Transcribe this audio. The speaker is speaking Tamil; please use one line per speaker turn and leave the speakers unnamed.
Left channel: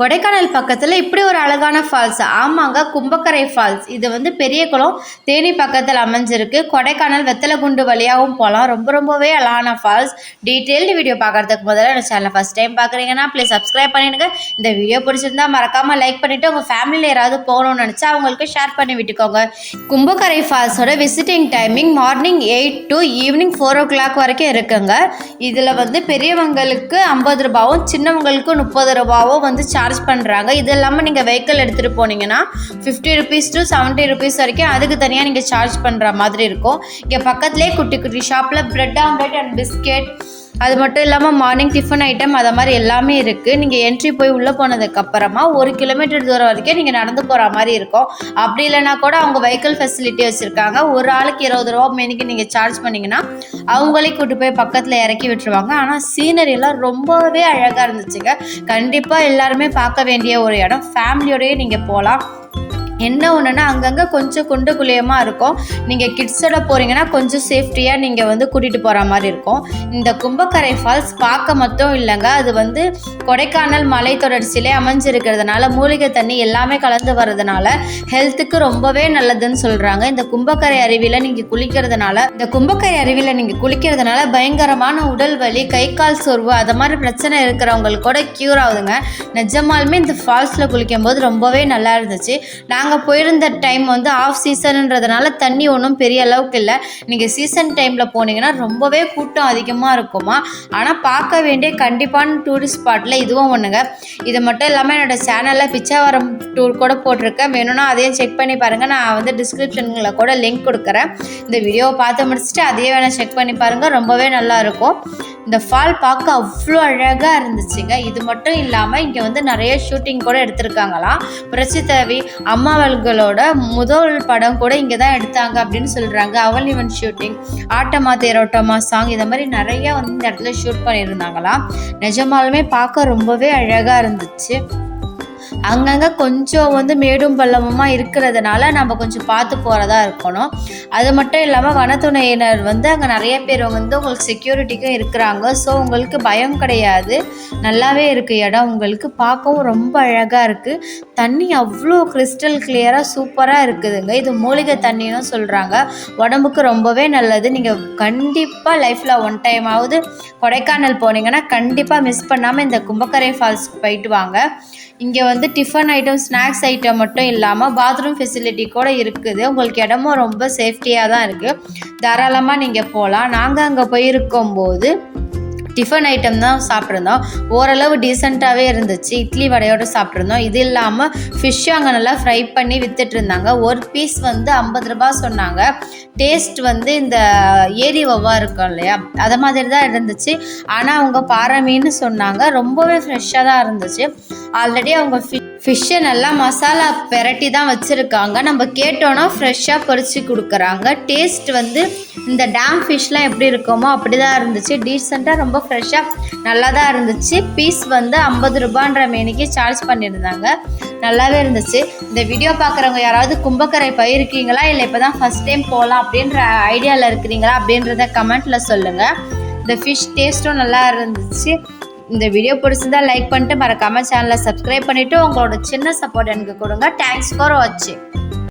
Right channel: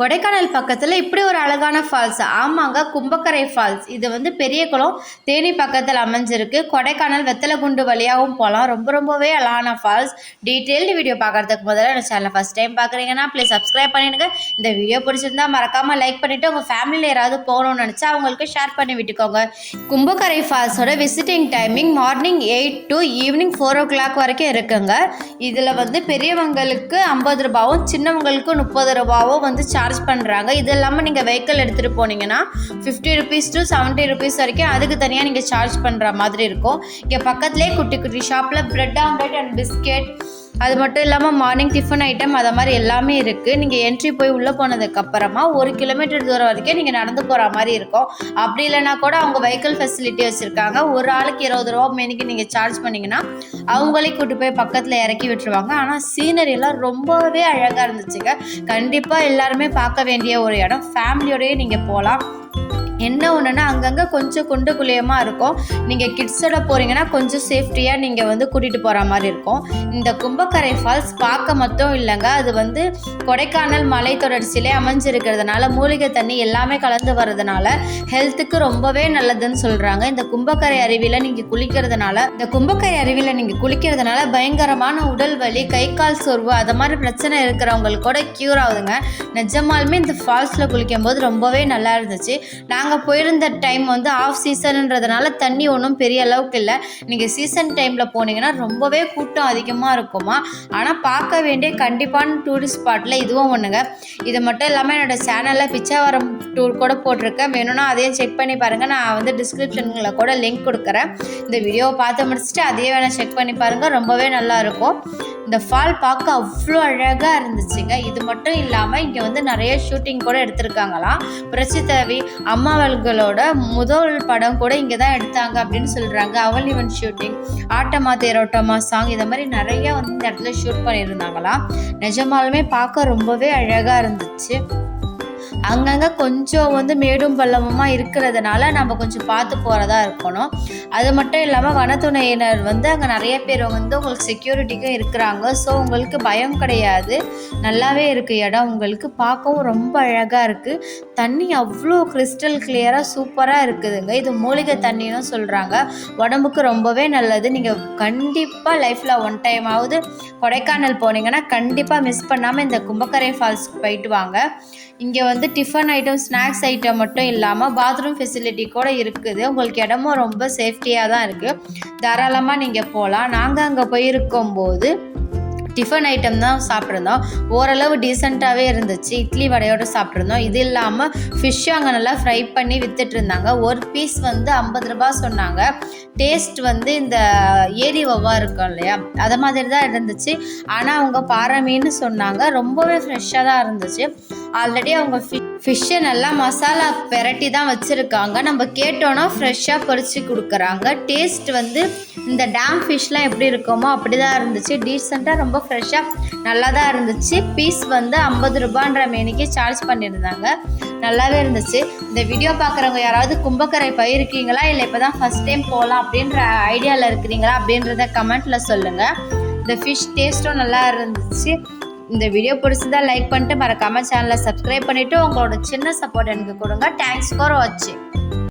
கொடைக்கானல் பக்கத்தில் இப்படி ஒரு அழகான ஃபால்ஸ் ஆமாங்க கும்பக்கரை ஃபால்ஸ் இது வந்து பெரிய குளம். தேனி பக்கத்தில் அமைஞ்சிருக்கு. கொடைக்கானல் வெத்தலைகுண்டு வழியாகவும் போகலாம் ரொம்ப ரொம்பவே அழகான ஃபால்ஸ் டீட்டெயில்டு வீடியோ பார்க்குறதுக்கு முதல்ல இந்த சேனலை ஃபஸ்ட் டைம் பார்க்குறீங்கன்னா ப்ளீஸ் சப்ஸ்கிரைப் பண்ணிடுங்க. இந்த வீடியோ பிடிச்சிருந்தா மறக்காமல் லைக் பண்ணிவிட்டு உங்கள் ஃபேமிலியில் யாராவது போகணும்னு நினச்சா அவங்களுக்கு ஷேர் பண்ணி விட்டுக்கோங்க. Kumbakkarai ஃபால்ஸோட visiting timing morning eight to evening four o'clock வரைக்கும் இருக்குங்க. இதில் வந்து பெரியவங்களுக்கு ஐம்பது ரூபாவும் சின்னவங்களுக்கு முப்பது ரூபாவும் வந்து சார்ஜ் சார்ஜ் பண்ணுறாங்க இது இல்லாமல் நீங்கள் வெஹிக்கிள் எடுத்துகிட்டு போனீங்கன்னா fifty rupees to seventy rupees வரைக்கும் அதுக்கு தனியாக நீங்கள் சார்ஜ் பண்ணுற மாதிரி இருக்கும். இங்கே பக்கத்துலேயே குட்டி குட்டி ஷாப்பில் ப்ரெட் ஆம்லெட் அண்ட் பிஸ்கெட் அது மட்டும் இல்லாமல் மார்னிங் டிஃபன் ஐட்டம் அதை மாதிரி எல்லாமே இருக்குது நீங்கள் என்ட்ரி போய் உள்ளே போனதுக்கப்புறமா ஒரு கிலோமீட்டர் தூரம் வரைக்கும் நீங்கள் நடந்து போகிற மாதிரி இருக்கும். அப்படி இல்லைனா கூட அவங்க வெஹிக்கிள் ஃபெசிலிட்டி வச்சுருக்காங்க. ஒரு ஆளுக்கு இருபது ரூபா மேனிக்கு நீங்கள் சார்ஜ் பண்ணிங்கன்னா அவங்களே கூட்டு போய் பக்கத்தில் இறக்கி விட்டுருவாங்க. ஆனால் சீனரியெல்லாம் ரொம்பவே அழகாக இருந்துச்சுங்க. கண்டிப்பாக எல்லாருமே பார்க்க வேண்டிய ஒரு இடம். ஃபேமிலியோடய நீங்கள் போகலாம் என்ன ஒன்றுனா அங்கங்கே கொஞ்சம் குண்டு குழியமாக இருக்கும். நீங்கள் கிட்ஸோட போகிறீங்கன்னா கொஞ்சம் சேஃப்டியாக நீங்கள் வந்து கூட்டிகிட்டு போகிற மாதிரி இருக்கும். இந்த கும்பக்கரை ஃபால்ஸ் பார்க்க மட்டும் இல்லைங்க. அது வந்து கொடைக்கானல் மலை தொடர்ச்சியிலே அமைஞ்சிருக்கிறதுனால மூலிகை தண்ணி எல்லாமே கலந்து வர்றதுனால ஹெல்த்துக்கு ரொம்பவே நல்லதுன்னு சொல்கிறாங்க இந்த கும்பக்கரை அருவியில் நீங்கள் குளிக்கிறதுனால இந்த கும்பக்கரை அருவியில் நீங்கள் குளிக்கிறதுனால பயங்கரமான உடல் வலி கை கால் சோர்வு அது மாதிரி பிரச்சனை இருக்கிறவங்களுக்கு கூட க்யூர் ஆகுதுங்க. நிஜமாலுமே இந்த ஃபால்ஸில் குளிக்கும் போது ரொம்பவே நல்லா இருந்துச்சு. நாங்கள் நாங்கள் போயிருந்த டைம் வந்து ஆஃப் சீசன்ன்றதுனால தண்ணி ஒன்றும் பெரிய அளவுக்கு இல்லை. நீங்கள் சீசன் டைமில் போனீங்கன்னா ரொம்பவே கூட்டம் அதிகமாக இருக்குமா? ஆனால் பார்க்க வேண்டிய கண்டிப்பான டூரிஸ்ட் ஸ்பாட்டில் இதுவும் ஒன்றுங்க இது மட்டும் இல்லாமல் என்னோடய சேனலில் பிச்சாவரம் டூர் கூட போட்டிருக்கேன். வேணும்னா அதையும் செக் பண்ணி பாருங்கள் நான் வந்து டிஸ்கிரிப்ஷனில் கூட லிங்க் கொடுக்குறேன். இந்த வீடியோவை பார்த்து முடிச்சுட்டு அதையே வேணால் செக் பண்ணி பாருங்கள் ரொம்பவே நல்லாயிருக்கும் இந்த ஃபால் பார்க்க அவ்வளோ அழகாக இருந்துச்சுங்க. இது மட்டும் இல்லாமல் இங்கே வந்து நிறைய ஷூட்டிங் கூட எடுத்திருக்காங்களாம். புரட்சி அம்மாவல்களோட முதல் படம் கூட இங்கே தான் எடுத்தாங்க அப்படின்னு சொல்கிறாங்க அவள் இவன் ஷூட்டிங் ஆட்டமா தேரோட்டமா சாங் இந்த மாதிரி நிறைய வந்து இந்த இடத்துல ஷூட் பண்ணியிருந்தாங்களாம். நிஜமாலுமே பார்க்க ரொம்பவே அழகாக இருந்துச்சு. அங்கங்கே கொஞ்சம் வந்து மேடும் பள்ளமுமாக இருக்கிறதுனால நம்ம கொஞ்சம் பார்த்து போகிறதா இருக்கணும். அது மட்டும் இல்லாமல் வனத்துறையினர் வந்து அங்கே நிறைய பேர் வந்து உங்களுக்கு செக்யூரிட்டிக்கும் இருக்கிறாங்க. ஸோ உங்களுக்கு பயம் கிடையாது. நல்லாவே இருக்குது இடம். உங்களுக்கு பார்க்கவும் ரொம்ப அழகாக இருக்குது தண்ணி அவ்வளோ கிறிஸ்டல் கிளியராக சூப்பராக இருக்குதுங்க. இது மூலிகை தண்ணின்னு சொல்கிறாங்க உடம்புக்கு ரொம்பவே நல்லது. நீங்கள் கண்டிப்பாக லைஃப்பில் ஒன் டைமாவது கொடைக்கானல் போனீங்கன்னா கண்டிப்பாக மிஸ் பண்ணாமல் இந்த கும்பக்கரை ஃபால்ஸ்க்கு போயிட்டு வாங்க. இங்கே வந்து டிஃபன் ஐட்டம் ஸ்நாக்ஸ் ஐட்டம் மட்டும் இல்லாமல் பாத்ரூம் ஃபெசிலிட்டி கூட இருக்குது. உங்களுக்கு இடமும் ரொம்ப சேஃப்டியாக தான் இருக்குது தாராளமாக நீங்கள் போகலாம் நாங்கள் அங்கே போயிருக்கும் போது டிஃபன் ஐட்டம் தான் சாப்பிட்ருந்தோம் ஓரளவு டீசெண்டாகவே இருந்துச்சு. இட்லி வடையோடு சாப்பிட்ருந்தோம் இது இல்லாமல் ஃபிஷ்ஷும் அங்கே நல்லா ஃப்ரை பண்ணி வித்துட்டு இருந்தாங்க. ஒரு பீஸ் வந்து ஐம்பது ரூபா சொன்னாங்க. டேஸ்ட் வந்து இந்த ஏரி ஒவ்வா இருக்கும் இல்லையா? அதை மாதிரி தான் இருந்துச்சு. ஆனால் அவங்க பாறை மீன் சொன்னாங்க. ரொம்பவே ஃப்ரெஷ்ஷாக தான் இருந்துச்சு. ஆல்ரெடி அவங்க ஃபிஷ்ஷை நல்லா மசாலா பெரட்டி தான் வச்சுருக்காங்க. நம்ம கேட்டோன்னா ஃப்ரெஷ்ஷாக பொரிச்சு கொடுக்குறாங்க. டேஸ்ட் வந்து இந்த டேம் ஃபிஷ்லாம் எப்படி இருக்குமோ அப்படி தான் இருந்துச்சு. டீசெண்டாக ரொம்ப ஃப்ரெஷ்ஷாக நல்லா தான் இருந்துச்சு. பீஸ் வந்து ஐம்பது ரூபான்ற மேனிக்கு சார்ஜ் பண்ணியிருந்தாங்க. நல்லாவே இருந்துச்சு. இந்த வீடியோ பார்க்குறவங்க யாராவது கும்பக்கரை போயிருக்கீங்களா? இல்லை இப்போ தான் ஃபஸ்ட் டைம் போகலாம் அப்படின்ற ஐடியாவில் இருக்கிறீங்களா அப்படின்றத கமெண்ட்டில் சொல்லுங்கள் இந்த ஃபிஷ் டேஸ்ட்டும் நல்லா இருந்துச்சு. இந்த வீடியோ பிடிச்சதா லைக் பண்ணிட்டு மறக்காம சேனலை சப்ஸ்கிரைப் பண்ணிவிட்டு உங்களோட சின்ன சப்போர்ட் எனக்கு கொடுங்க. தேங்க்ஸ் ஃபார் வாட்சிங்